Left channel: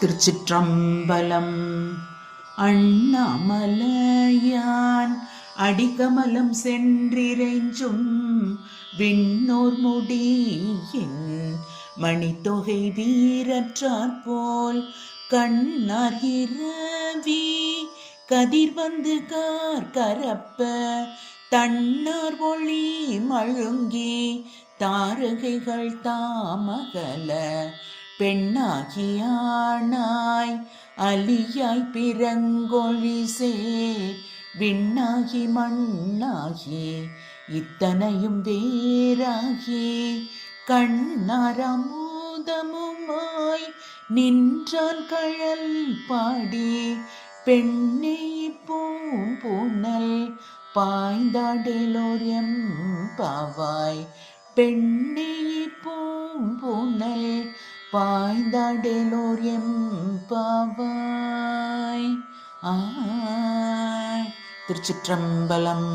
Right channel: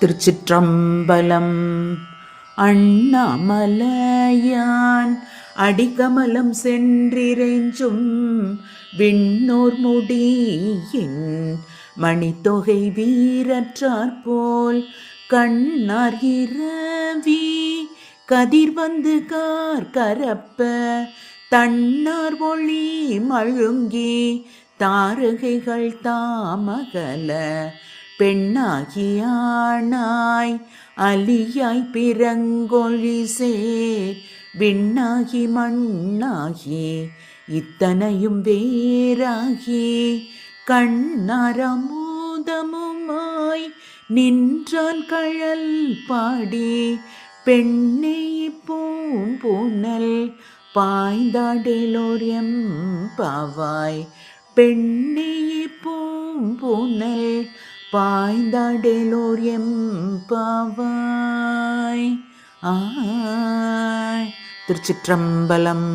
திருச்சிற்றம்பலம். அண்ணாமலையான் அடிகமலம் சென்றிறைஞ்சும் விண்ணோர் முடியின் மணித்தொகை வீரற்றாற்போல் கண்ணார் இரவி கதிர் வந்து கார் கரப்ப தன்னார் ஒளி மழுங்கி தாரகைகள் தாமகல பெண்ணாகியானாய் அலியாய் பிறங்கொழி சேர் விண்ணாகி மண்ணாகி இத்தனையும் வேறாகி கண்ணாரமோதமுமாய் நின்றான் கழல் பாடி பெண்ணே பூம்பூனல் பாய்ந்தாடேலோர் எம்பாவாய் பெண்ணே பூம்பூனல் பாய்ந்தாடேலோர் எம்பாவாய். திருச்சிற்றம்பலம்.